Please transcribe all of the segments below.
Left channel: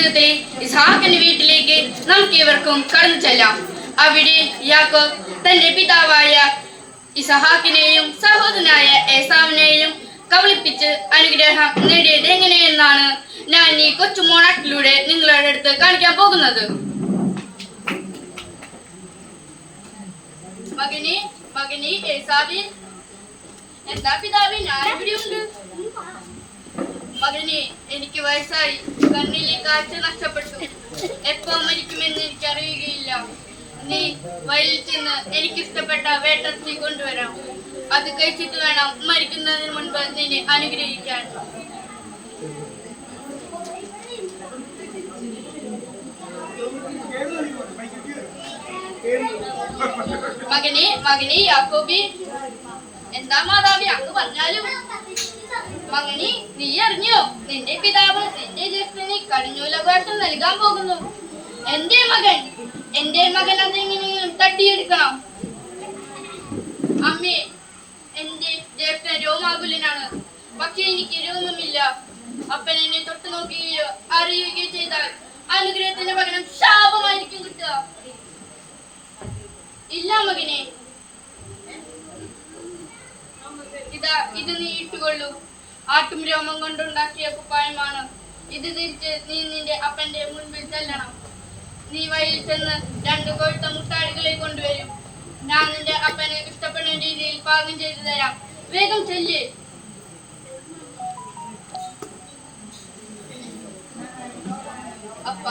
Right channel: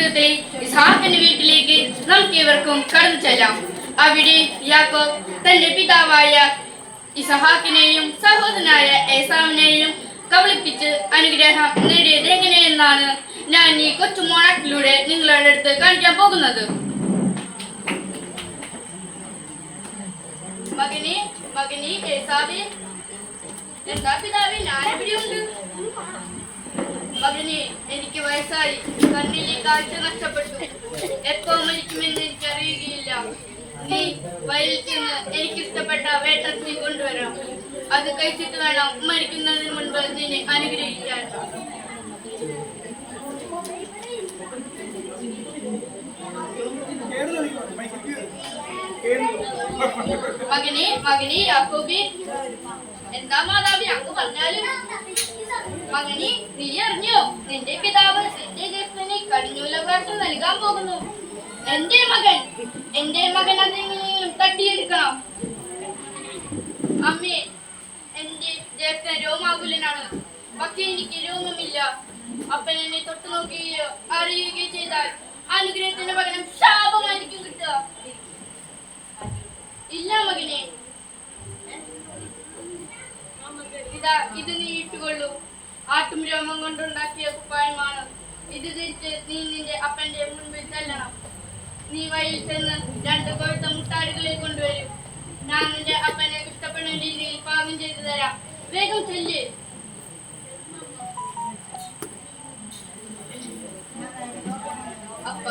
പുസ്തകത്തിലെ ഇസ്ഹാക്കിന്റെ വീട്ടിലേക്ക് നമുക്ക് ഇവർക്കും കടന്നു ചെല്ലാം. അവിടെ യാക്കോബ് തന്റെ പിതാവായ ഇസ്ഹാക്കിനെയും സഹോദരനായ ഏസാവിനെയും കബളിപ്പിച്ച് അനുഗ്രഹം നേടിയത് എങ്ങനെയെന്നാണ് ഞാൻ ഈ കൊച്ചു മോണാക്കിലൂടെ നിങ്ങളുടെ അടുത്ത് കാണിക്കാൻ പോകുന്നത്. മകനെ ഏസാവേ, എന്താ പിതാവേ, ഞാൻ എവിടെയുണ്ട്? മകനെ, എനിക്ക് വയസ്സായി, കണ്ണിലെ കാഴ്ച നഷ്ടപ്പെട്ടു. എപ്പോ മരിക്കുമെന്ന് എനിക്ക് അറിയുകയില്ല. നീ വയലിൽ ചെന്ന് എനിക്കിഷ്ടപ്പെട്ട വേട്ടത്തി കൊണ്ടുവരാം. അത് കഴിച്ചിട്ട് വേണം മരിക്കുന്നതിന് മുൻപ് നിന്നെ അനുഗ്രഹിക്കാൻ. മകനെ യാക്കോബി, എന്താ മാതാവി അങ്ങ് പറഞ്ഞാലും? മകനെ, നീ അറിഞ്ഞോ, നിന്റെ പിതാവ് നിന്റെ ജ്യേഷ്ഠന് കടിഞ്ഞൂലവകാശം നൽകാൻ പോകുന്നു. എന്റെ മകൻ അതെങ്ങനെയും തട്ടിയെടുക്കണം. അമ്മേ, എന്റെ ജ്യേഷ്ഠൻ രോമാകുലനാണ്, പക്ഷെ എനിക്ക് രോമമില്ല. അപ്പൻ എന്നെ തൊട്ടു നോക്കുകയോ അറിയുകയോ ചെയ്താൽ അനുഗ്രഹത്തിന്റെ പകരം ശാപമായിരിക്കും കിട്ടുക. ഇല്ല മകനെ, ഇത് നീ ഇട്ടുകൊള്ളൂ. ആട്ടും രോമം കൊണ്ടുണ്ടാക്കിയ കുപ്പായമാണ്. ഇത് തിരിച്ച് നീ നിന്റെ അപ്പന്റെ മുൻപിൽ ചെല്ലണം. നീ വഴിയിൽ ചെന്ന് 2 കൊഴുത്ത മുട്ടാടുകളെ കൊണ്ടുവരും. ഞാൻ നിന്റെ അപ്പനെ ഇഷ്ടപ്പെടുന്ന രീതിയിൽ പാകം ചെയ്തു തരാം. വേഗം ചെല്ല്. അപ്പ,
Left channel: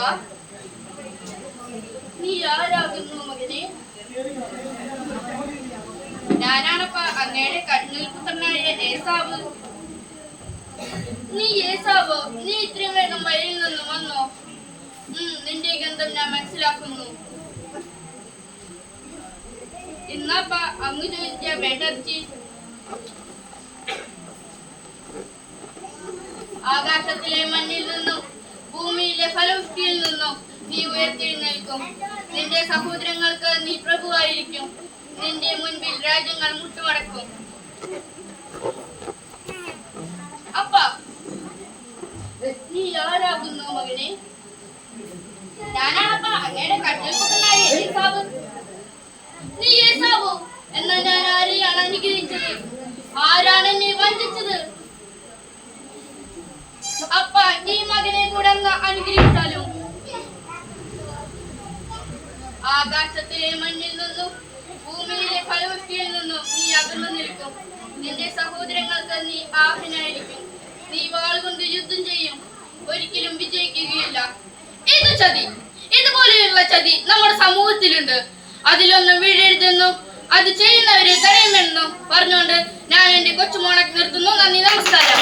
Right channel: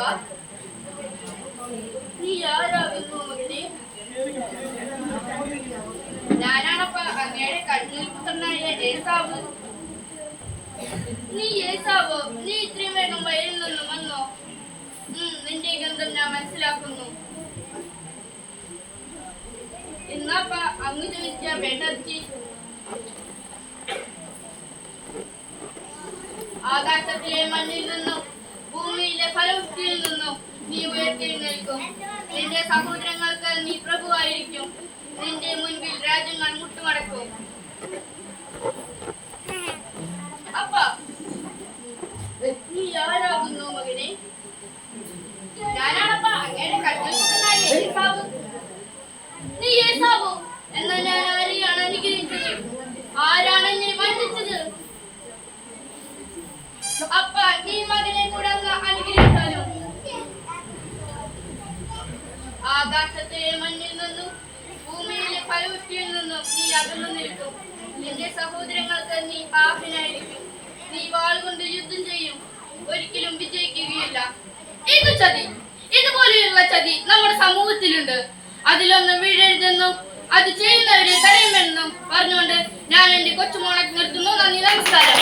നീ ആരാകുന്നു മകനെ? ഞാനാണപ്പ അങ്ങയുടെ കണ്ണിൽ പുത്രനായ ഏസാവ്. നീ ഏസാവോ? നീ ഇത്രയും വേഗം വയലിൽ നിന്നും വന്നോ? നിന്റെ ഗന്ധം ഞാൻ മനസ്സിലാക്കുന്നു. ഇന്നപ്പ അങ്ങ് ചോദിച്ച വേണ്ടർച്ചി ആകാശത്തിലെ മണ്ണിൽ നിന്നും ഭൂമിയിലെ ഫലവൃഷ്ടിയിൽ നിന്നും നീ ഉയർത്തെഴുന്നേൽക്കും. നിന്റെ സഹോദരങ്ങൾക്ക് നീ പ്രഭുവായിരിക്കും. നിന്റെ മുൻപിൽ രാജ്യങ്ങൾ മുട്ടുമടക്കും. അപ്പ, നീ ആരാകുന്നു മകനെ? ഞാനാണപ്പ അങ്ങയുടെ കണ്ണിൽ പുത്രനായ ഏസാവ്. നീ ഏസാവോ? എന്നാ ഞാൻ ആരെയാണ് അനുഗ്രഹിച്ചത്? ആരാണ് എന്നെ വഞ്ചിച്ചത്? അപ്പ, ഈ മകനെ കൂടെ അനുഗ്രഹിച്ചാലും ആകാശത്തിലെ മണ്ണിൽ നിന്നും ഭൂമിയിലെ ഫലവൃഷ്ടിയിൽ നിന്നും നീ അകന്നു നിൽക്കും. നിന്റെ സഹോദരങ്ങൾക്ക് നീ ആഹ്നായിരിക്കും. നീ വാളുകൊണ്ട് യുദ്ധം ചെയ്യും, ഒരിക്കലും വിജയിക്കുകയില്ല. ഇത് ചതി, ഇതുപോലെയുള്ള ചതി നമ്മുടെ സമൂഹത്തിലുണ്ട്. അതിലൊന്നും വീഴരുതെന്നും അത് ചെയ്യുന്നവരെ തടയുമെന്നും പറഞ്ഞുകൊണ്ട് ഞാൻ എന്റെ കൊച്ചുമോളെ നിർത്തുന്നു. നന്ദി, നമസ്കാരം.